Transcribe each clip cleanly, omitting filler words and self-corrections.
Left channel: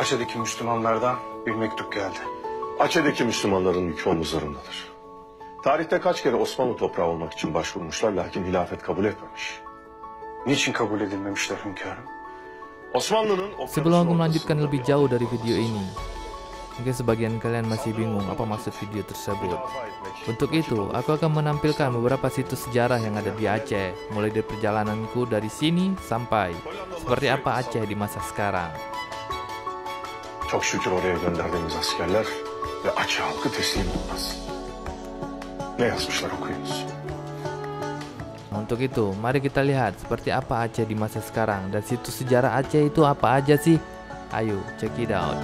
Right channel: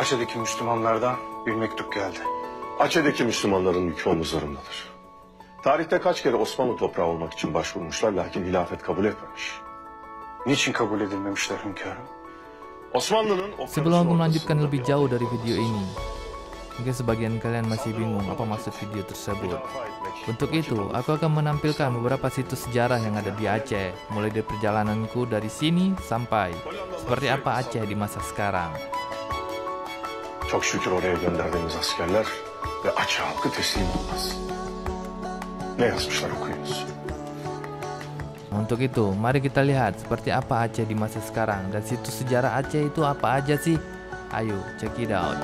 Aceh'deki Müslümanlardan bir mektup geldi. Aceh'deki Müslümanların yükü omuzlarındadır. Tarihte kaç kere Osmanlı toprağı olmak için başvurmuşlar lakin hilafet kabul etmemiş. Niçin kabul edilmemişler hünkârım? Osmanlı'nın Sebelum aku melanjutkan lebih jauh dari video ini, mungkin sebagian kalian masih bingung apa maksud video tersebut. Untuk itu, aku akan menampilkan beberapa situs sejarah yang ada di Aceh, mulai dari perjalananku dari sini sampai seperti apa Aceh di masa sekarang. Çok şükür oraya gönderdiğimiz askerler ve Aceh halkı teslim olmaz. Ne yazmışlar okuyunuz. Untuk itu, mari kita lihat seperti apa Aceh di masa sekarang dan situs sejarah Aceh itu apa aja sih? Ayo, check it out.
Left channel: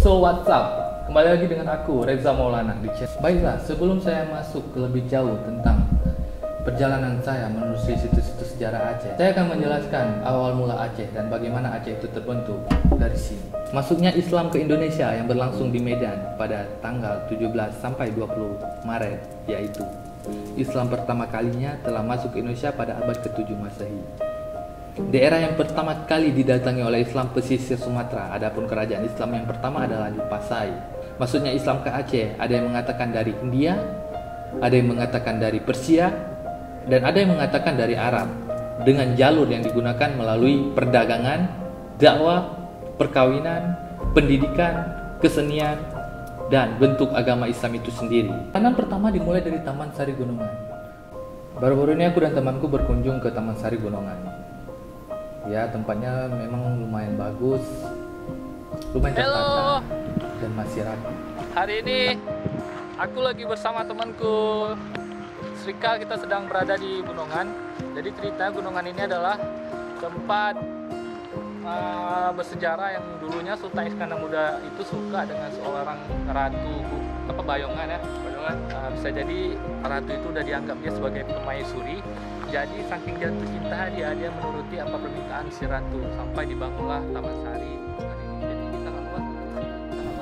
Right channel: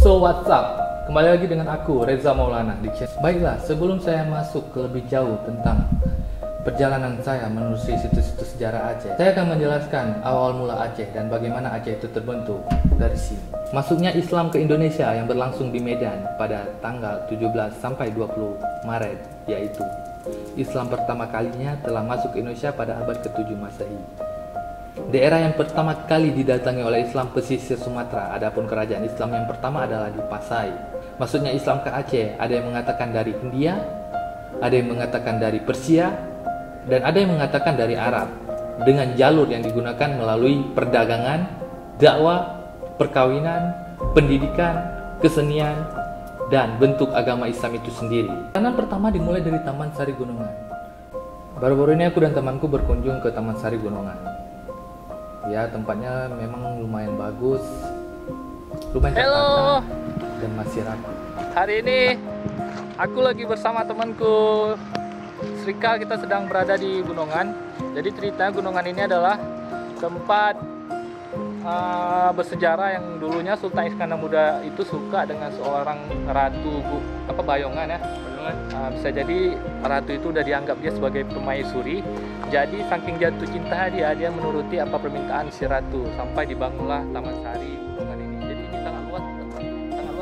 So what's up? Kembali lagi dengan aku Reza Maulana di channel. Baiklah, sebelum saya masuk ke lebih jauh tentang perjalanan saya menelusuri situs-situs sejarah Aceh, saya akan menjelaskan awal mula Aceh dan bagaimana Aceh itu terbentuk dari sini. Masuknya Islam ke Indonesia yang berlangsung di Medan pada tanggal 17 sampai 20 Maret, yaitu Islam pertama kalinya telah masuk ke Indonesia pada abad ke-7 Masehi. Daerah yang pertama kali didatangi oleh Islam pesisir Sumatera, adapun kerajaan Islam yang pertama adalah di Pasai. Masuknya Islam ke Aceh, ada yang mengatakan dari India, ada yang mengatakan dari Persia, dan ada yang mengatakan dari Arab, dengan jalur yang digunakan melalui perdagangan, dakwah, perkawinan, pendidikan, kesenian, dan bentuk agama Islam itu sendiri. Perjalanan pertama dimulai dari Taman Sari Gunungan. Baru-baru ini aku dan temanku berkunjung ke Taman Sari Gunungan. Ya, tempatnya memang lumayan bagus, lumayan tertata, dan masih rapi. Hari ini aku lagi bersama temanku Srika, kita sedang berada di Gunungan. Jadi ceritanya Gunungan ini adalah tempat bersejarah yang dulunya Sultan Iskandar Muda itu suka dengan seorang ratu Bayongan ya. Bisa jadi ratu itu udah dianggap dia sebagai permaisuri. Jadi saking jatuh cinta dia menuruti apa permintaan si ratu sampai dibangunlah Taman Sari Gunungan ini. Jadi ini sangat luas.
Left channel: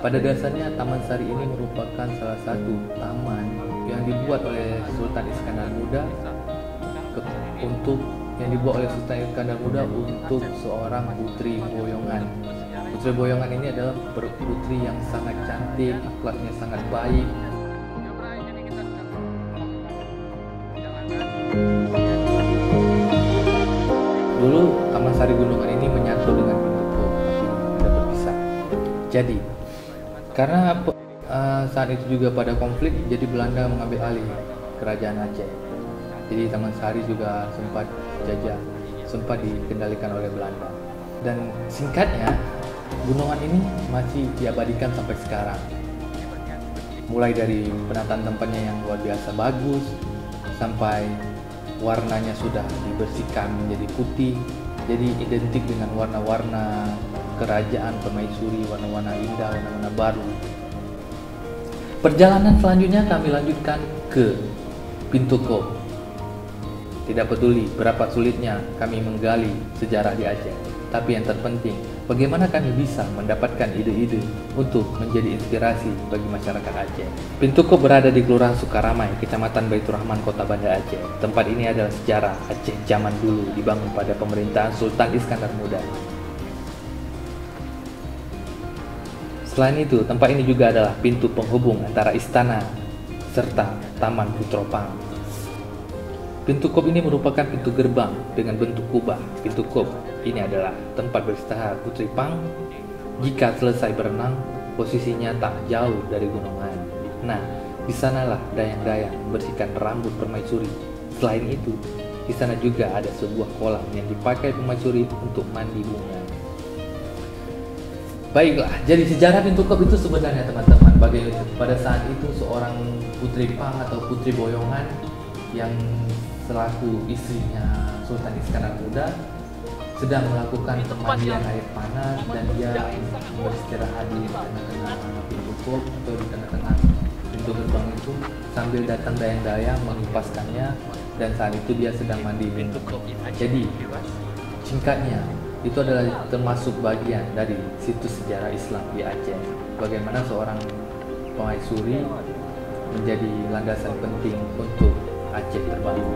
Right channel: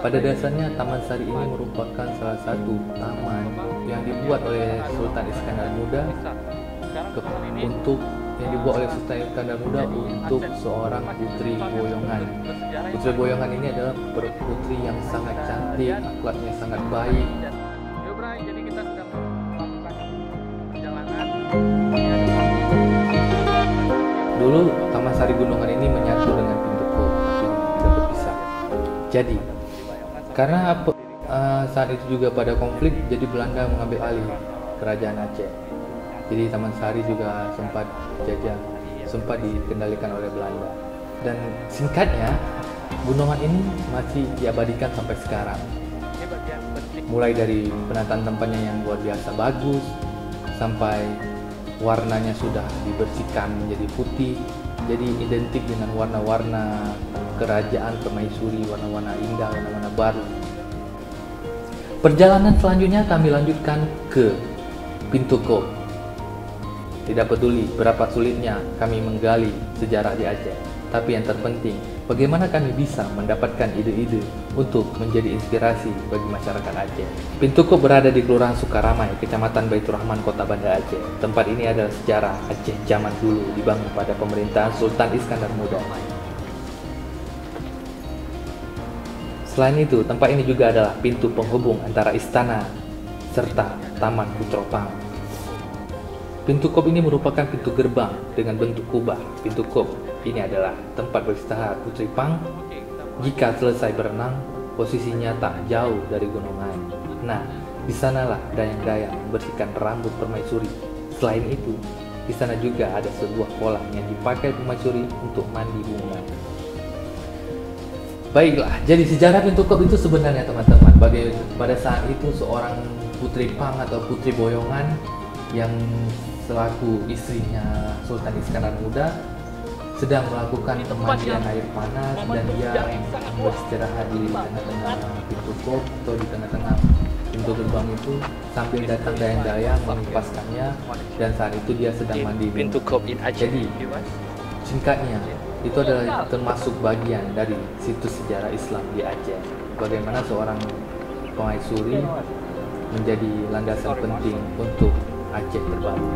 Pada dasarnya Taman Sari ini merupakan salah satu taman yang dibuat oleh Sultan Iskandar Muda untuk seorang putri boyongan. Putri boyongan ini adalah putri yang sangat cantik, akhlaknya sangat baik. Jadi kita sedang melakukan perjalanan. Dulu Taman Sari Gunungan ini menyatu dengan Pintu Kop, tapi tidak berpisah. Jadi karena saat itu juga pada konflik, jadi Belanda mengambil alih kerajaan Aceh. Jadi Taman Sari juga sempat dikendalikan oleh Belanda. Dan singkatnya, gunungan ini masih diabadikan sampai sekarang. Mulai dari penataan tempatnya yang luar biasa bagus, sampai warnanya sudah dibersihkan menjadi putih, jadi identik dengan warna-warna kerajaan permaisuri, warna-warna indah, warna-warna baru. Perjalanan selanjutnya kami lanjutkan ke Pintu Kop. Tidak peduli berapa sulitnya kami menggali sejarah di Aceh, tapi yang terpenting bagaimana kami bisa mendapatkan ide-ide untuk menjadi inspirasi bagi masyarakat Aceh. Pintu Kop berada di Kelurahan Sukaramai, Kecamatan Baitur Rahman, Kota Banda Aceh. Tempat ini adalah sejarah Aceh zaman dulu, dibangun pada pemerintahan Sultan Iskandar Muda. Selain itu, tempat ini juga adalah pintu penghubung antara istana serta Taman Putropang. Pintu Kop ini merupakan pintu gerbang dengan bentuk kubah. Pintu Kop ini adalah tempat beristirahat Putri Pang jika selesai berenang, posisinya tak jauh dari gunungan. Nah, di sanalah dayang-dayang membersihkan rambut permaisuri. Selain itu, di sana juga ada sebuah kolam yang dipakai permaisuri untuk mandi bunga. Baiklah, jadi sejarah Pintu Kop itu sebenarnya teman-teman, pada saat itu seorang Putri Pang atau Putri Boyongan yang selaku istrinya Sultan Iskandar Muda sedang melakukan pemandian air panas, dan dia beristirahat di tengah-tengah Pintu Kop atau di tengah-tengah pintu gerbang itu sambil datang dayang-dayang mengipaskannya, dan saat itu dia sedang mandi Pintu Kop. Jadi singkatnya itu adalah termasuk bagian dari situs sejarah Islam di Aceh. Bagaimana seorang permaisuri menjadi landasan penting untuk Aceh terbangun.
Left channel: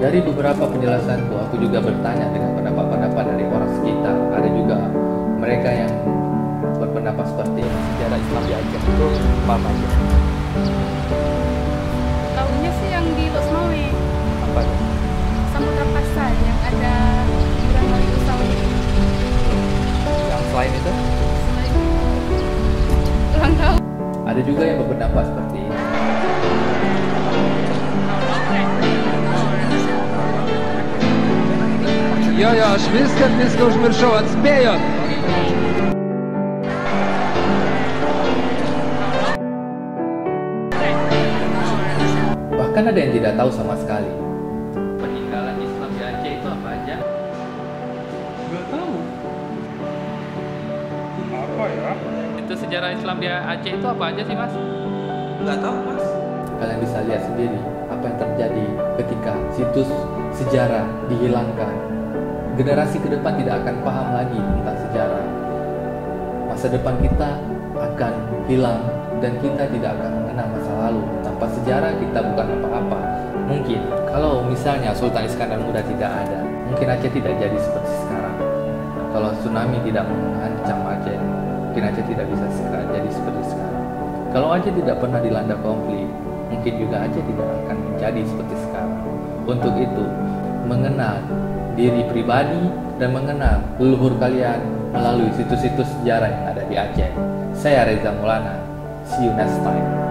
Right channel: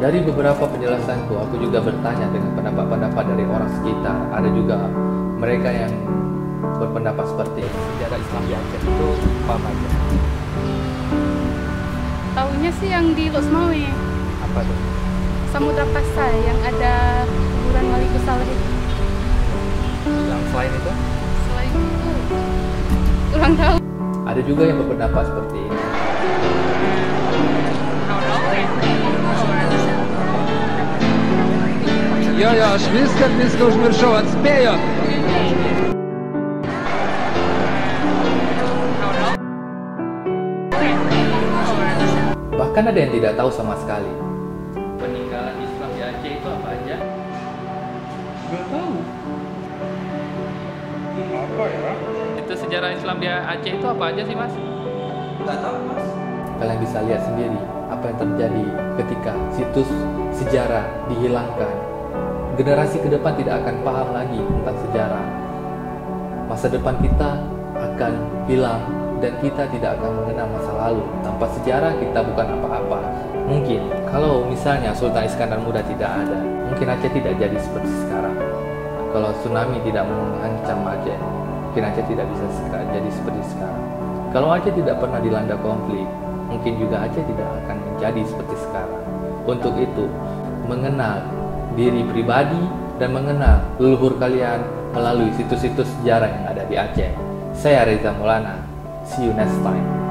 Dari beberapa penjelasanku, aku juga bertanya dengan pendapat-pendapat dari orang sekitar. Ada juga mereka yang berpendapat seperti ini. Sejarah Islam di Aceh itu apa aja? Taunya sih yang di Losmawe, Apa tuh? Samudra Pasai yang ada kuburan Malikus Saleh itu. Yang selain itu? Selain itu, kurang tahu. Ada juga yang berpendapat seperti ini. Ja, smiskat niska už mršovac, spejo! Bahkan ada yang tidak tahu sama sekali. Peninggalan Islam di Aceh itu apa aja? Gak tahu. Apa ya? Itu sejarah Islam di Aceh itu apa aja sih, Mas? Kalian bisa lihat sendiri apa yang terjadi ketika situs sejarah dihilangkan. Generasi ke depan tidak akan paham lagi tentang sejarah. Masa depan kita akan hilang dan kita tidak akan mengenal masa lalu. Tanpa sejarah kita bukan apa-apa. Mungkin kalau misalnya Sultan Iskandar Muda tidak ada, mungkin Aceh tidak jadi seperti sekarang. Kalau tsunami tidak mengancam Aceh, mungkin Aceh tidak bisa jadi seperti sekarang. Kalau Aceh tidak pernah dilanda konflik, mungkin juga Aceh tidak akan menjadi seperti sekarang. Untuk itu, mengenal diri pribadi dan mengenal leluhur kalian melalui situs-situs sejarah yang ada di Aceh. Saya Reza Maulana. See you next time.